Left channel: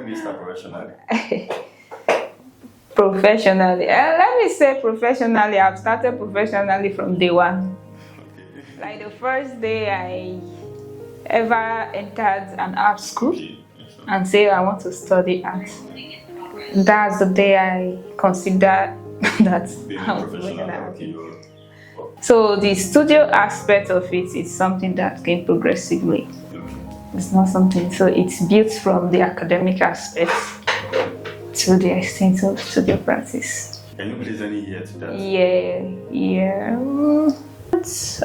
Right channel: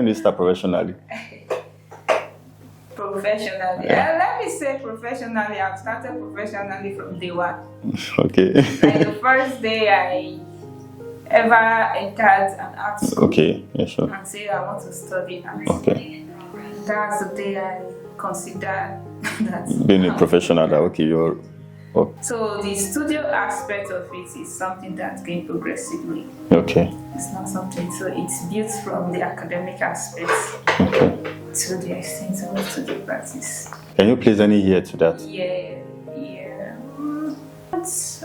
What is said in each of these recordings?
when did you start professionally? Professionally. Let me say professionally. I've started professionally from day one. Okay. Like the first day I ever entered an art school. Okay, yeah, sure. And say I want to study art. Okay. That's the day I considered that Being a professional, that okay, you're. Oh. So the studio aspect of it is something that came progressively. Okay. It's not something, so it's built from the academic aspects to the extent of studio practice. Can you place any year to that? Yeah.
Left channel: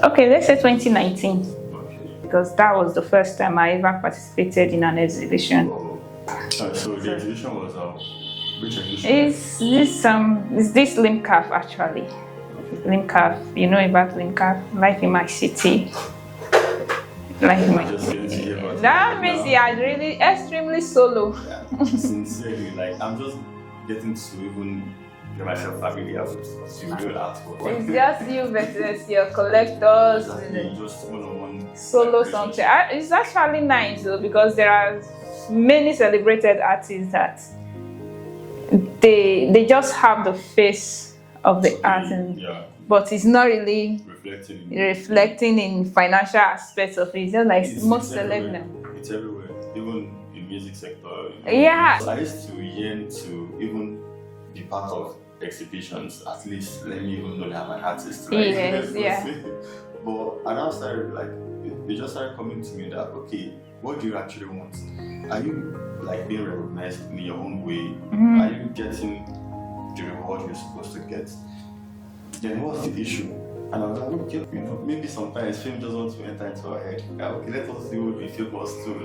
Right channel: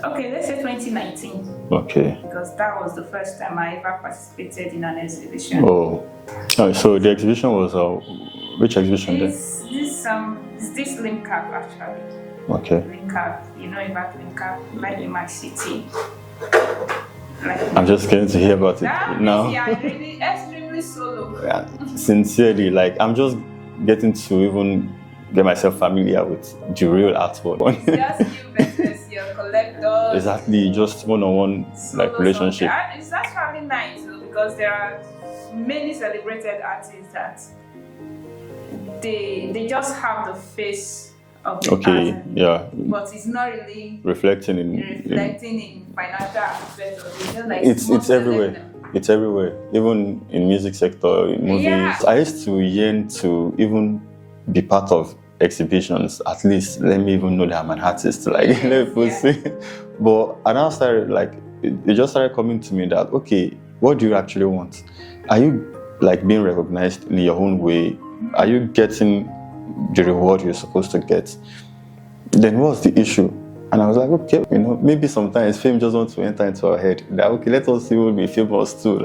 Okay, let's say 2019. Okay. Because that was the first time I ever participated in an exhibition. Oh, so the exhibition was which exhibition? It's this Limcaf actually. Okay. Limcaf, you know about Limcaf, like in my city. Like I'm just getting to hear about that it means now. you are really extremely solo. Yeah, sincerely, like I'm just getting to even get myself familiar with the real artwork. It's just you versus your collectors. Exactly, just one-on-one Solo relationship. something. It's actually nice though, because there are many celebrated artists that they just have the face of the art, but it's not really reflecting in financial aspects of it. Just like it's everywhere. It's everywhere, even in music sector, in movies. Yeah. I used to yearn to even be part of exhibitions. At least let me even know that I'm an artist. Like But I now started it just started coming to me that okay, what do you actually want? Are you like being recognized in your own way? Mm-hmm. Are you getting the reward you're supposed to get? Then what's the issue? And I was like, okay, maybe sometimes fame just wants to enter into our head. That okay, let us see what we famous too.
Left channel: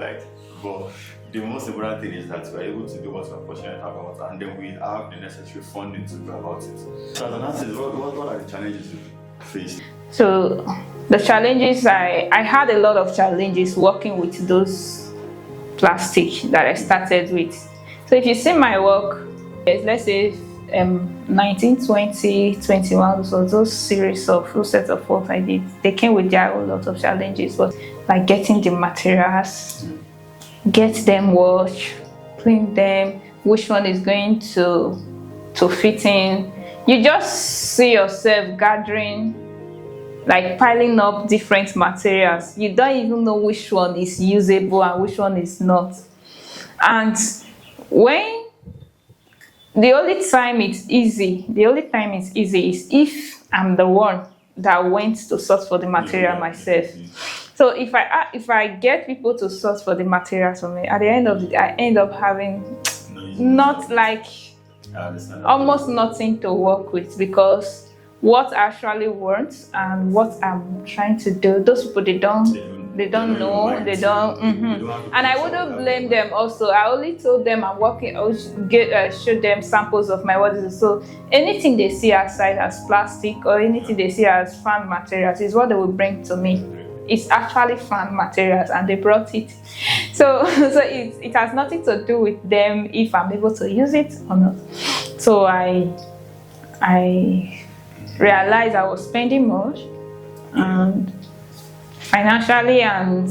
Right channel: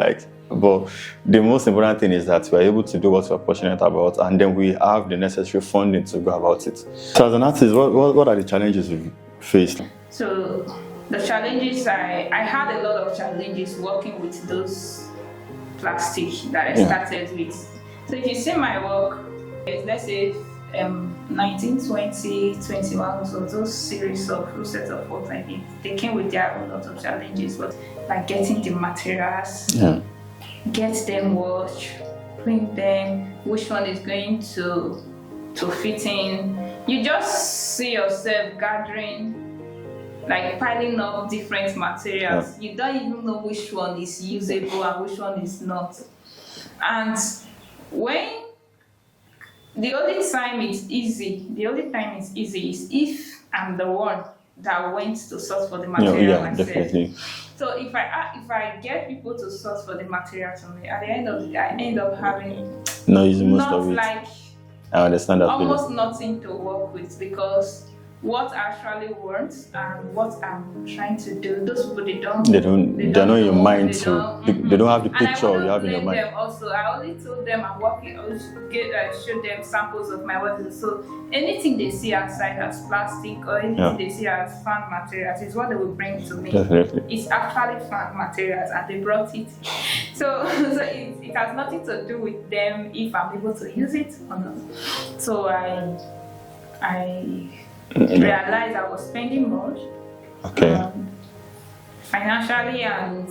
But the most important thing is that we are able to do what we're passionate about, and then we have the necessary funding to go about it. So as an artist, what are the challenges you faced? So the challenges, I had a lot of challenges working with those plastic that I started with. So if you see my work, let's say 19, 20, 21, so those sets of work I did, they came with their own lot of challenges, but like getting the materials, get them washed, clean them, which one is going to fit in. You just see yourself gathering, like piling up different materials. You don't even know which one is usable and which one is not. And when the only time it's easy is if I'm the one that went to source for the material myself. Definitely. So if I get people to source for the materials for me, at the end of the day, I end up having I understand that almost nothing to work with, because what I actually want and what I'm trying to do, those people they don't know your mind. They don't have the picture. And I wouldn't blame them also. I only told them I'm working, I would show them samples of my work. So anything they see outside as plastic or anything they see as fan materials is what they will bring to me. Definitely. It's actually fan materials and they brought it. So it has nothing to do with them if I'm able to use it or not. So I realized I was spending much, financially and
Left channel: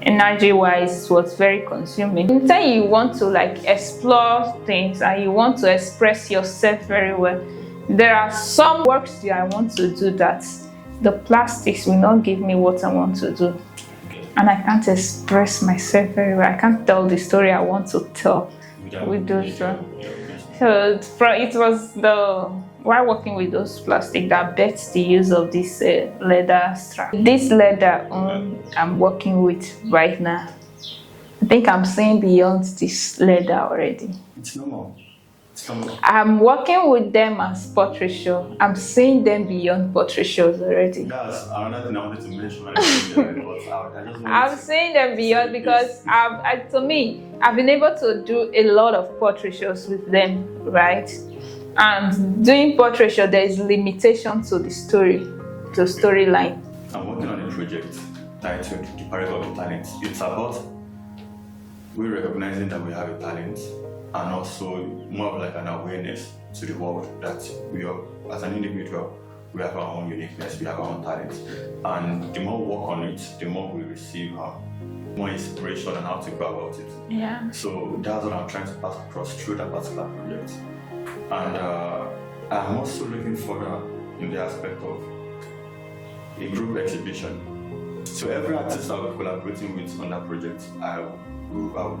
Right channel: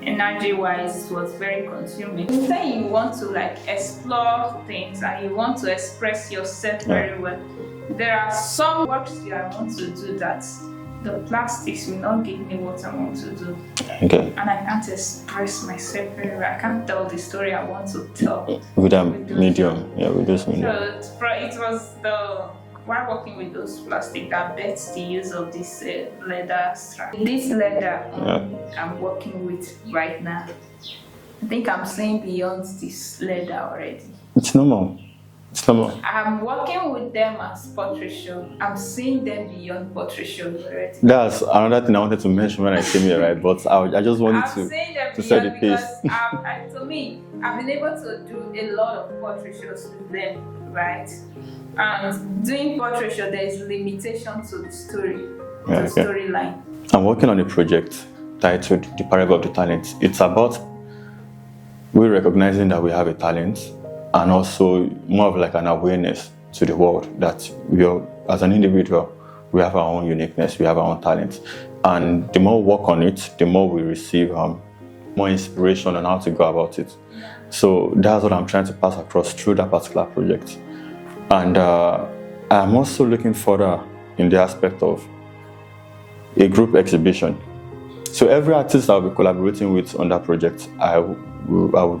energy-wise, it was very consuming. Instead, you want to explore things and you want to express yourself very well. There are some works that I want to do that the plastics will not give me what I want to do. Okay. And I can't express myself very well. I can't tell the story I want to tell with that medium. Yeah, with this medium. So it was while working with those plastic that bets the use of this leather strap. This leather I'm working with right now, I think I'm seeing beyond this leather already. It's normal. I'm working with them as portrait show. I'm seeing them beyond portrait shows already. That's another thing I wanted to mention when I came here, right? But I just wanted I'm seeing them beyond because to me, I've been able to do a lot of portrait shows with them, right? And doing portrait show, there is limitation to the story, storyline. I'm working on a project titled The Parable of the Talent. It's about we recognizing that we have a talent, and also more of like an awareness to the world that we are, as an individual, we have our own uniqueness, we have our own talents. And the more we work on it, the more we receive more inspiration on how to go about it. Yeah. So that's what I'm trying to pass across through that particular project. And I'm also looking further in the aspect of a group exhibition. So every artist I'll be collaborating with on that project, I would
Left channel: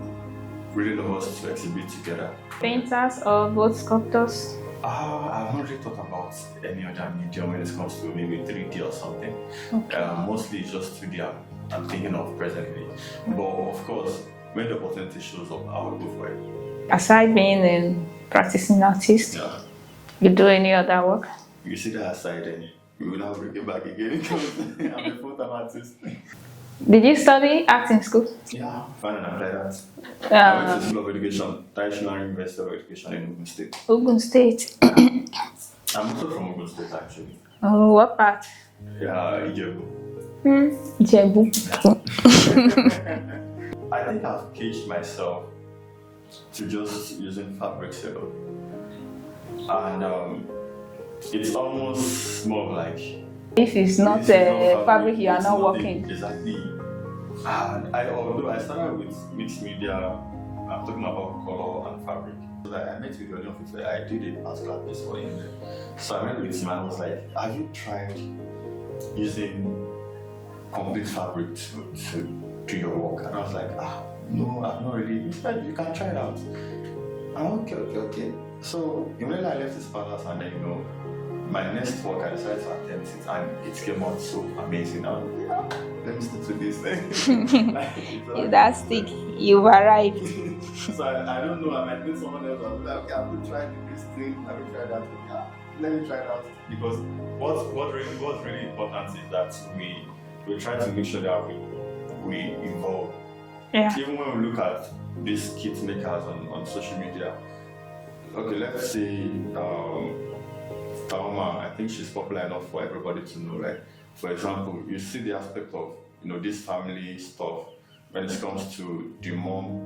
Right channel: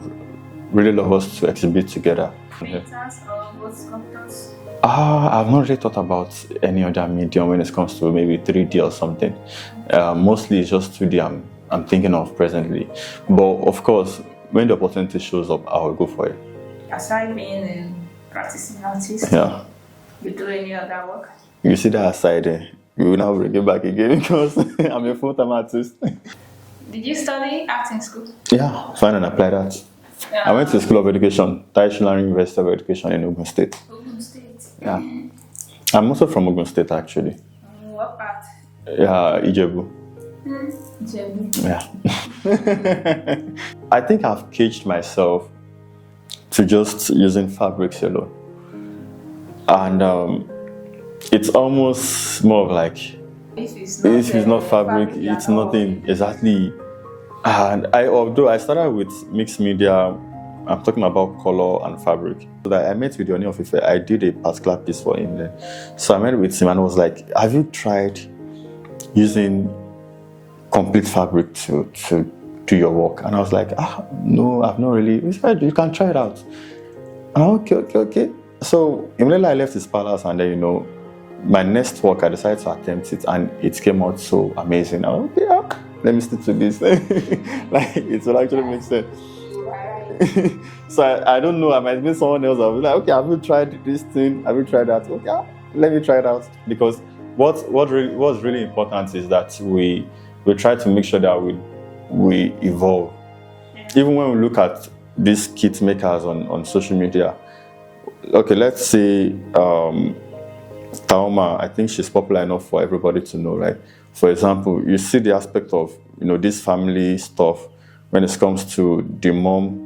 really love us to exhibit together. Painters or both sculptors? I've not really thought about any other medium when it comes to maybe 3D or something. Okay. Mostly it's just 2D I'm thinking of presently. But of course, when the opportunity shows up, I will go for it. Aside being a practicing artist, yeah, you do any other work? You see that aside, we will now bring it back again because I'm a full-time artist. Did you study art in school? Yeah, fine and applied art. I went to the School of Education, Traditional University of Education in Ogun State. Ogun State? I'm also from Ogun State, actually. Oh, what part? Yeah, Ijebu. Ijebu. Yeah. I think I've caged myself to just using fabrics alone. And it's almost more of like, if it's not fabric, it's nothing. Working. Exactly. And although I started with mixed media, I'm talking about color and fabric. So that I met with Yoni of Ife, I did a particular piece for him there. So I met with him and was like, have you tried using complete fabric to do your work? And I was like, no, I've not really. He said, you can try it out. Okay. So immediately I left his palace, and then, my next work, I decided to attempt it, and it came out so amazing. I was like, okay, let me stick to this. Like, it's like that's sense. You arrived. So I don't know, I might meet someone else. I'll be like, okay, have you tried this thing? Have you tried that? Okay, let me try it out. Because what's really important is that we try to make sure that we evolve. Yeah. Even when we look at these kit makers on social media, okay, let's say Taoma, I think she's popular enough for everybody to know, right? For example, you see the aspect of, this family stuff when it comes to the mom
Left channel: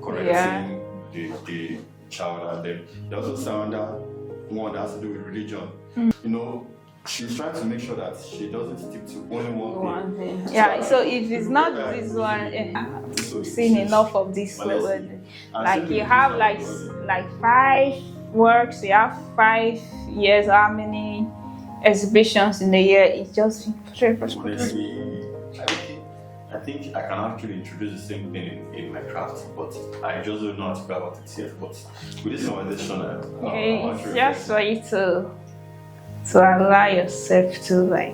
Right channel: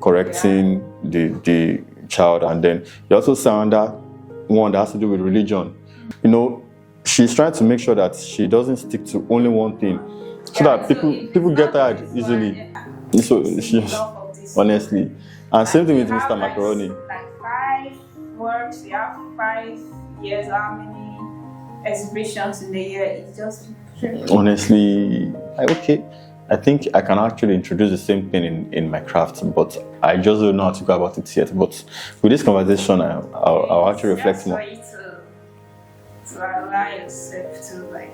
correcting the child, and then you also see that one that has to do with religion. She's trying to make sure that she doesn't stick to only one thing. So that people get tired easily. So seen enough of this. Honestly. And same thing with Mr. Macaroni. Like 5 works, you have 5 years, how many exhibitions in a year? It's just honestly, okay. I think I can actually introduce the same thing in my craft, but I just don't know how to go about it yet. But with this conversation, I'll actually reflect. Just for you to allow yourself to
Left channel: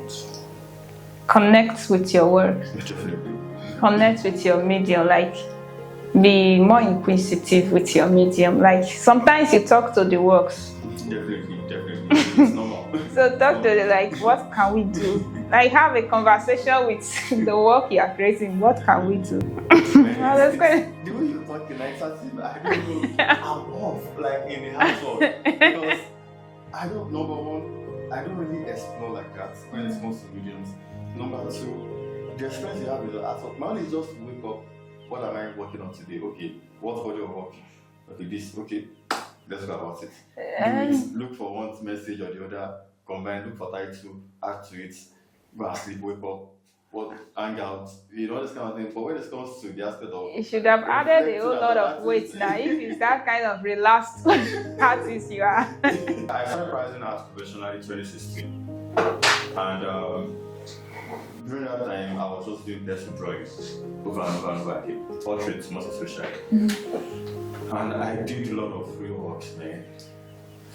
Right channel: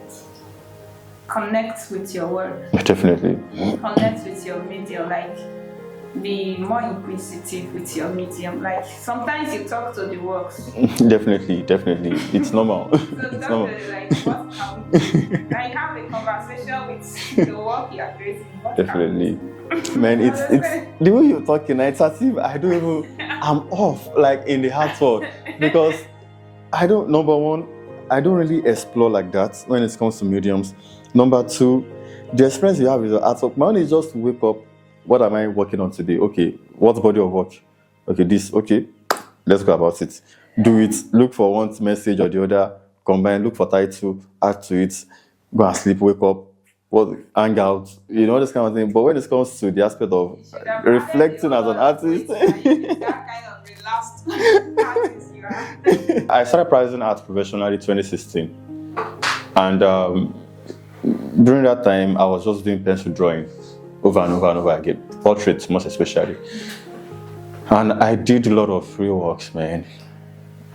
connect with your work. Definitely. Connect with your medium, be more inquisitive with your medium. Sometimes you talk to the works. Definitely. It's normal. So talk to the what can we do? Have a conversation with the work you are creating. What can we do? Man, it's the way you're talking, it's as if I'm off in the hard work, because number one, I don't really explore like that when it comes to mediums. Number two, the experience you have with the artwork, my own is just to wake up. What am I working on today? Okay, what body of work? Okay, this. Okay, let's go about it. Do it. Look for one message or the other. Combine. Look for title. Add to it. Go and sleep. Wake up. Hang out. This kind of thing. But when it comes to the aspect of reflecting as an artist, if it's that kind of relaxed artist you are. I started practicing art professionally in 2016, and during that time, I was just doing pencil drawing. Over and over again, portraits most especially. And I did a lot of free works, man.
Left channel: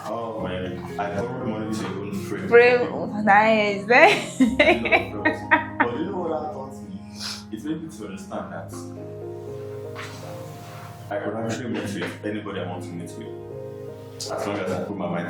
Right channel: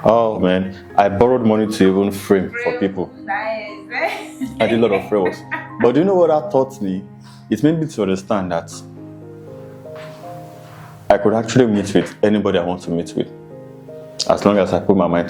Oh man, I borrowed money to even frame for people. Nice. I did a lot of free works. But do you know what that taught me? It made me to understand that I could actually meet with anybody I want to meet with, as long as I put my mind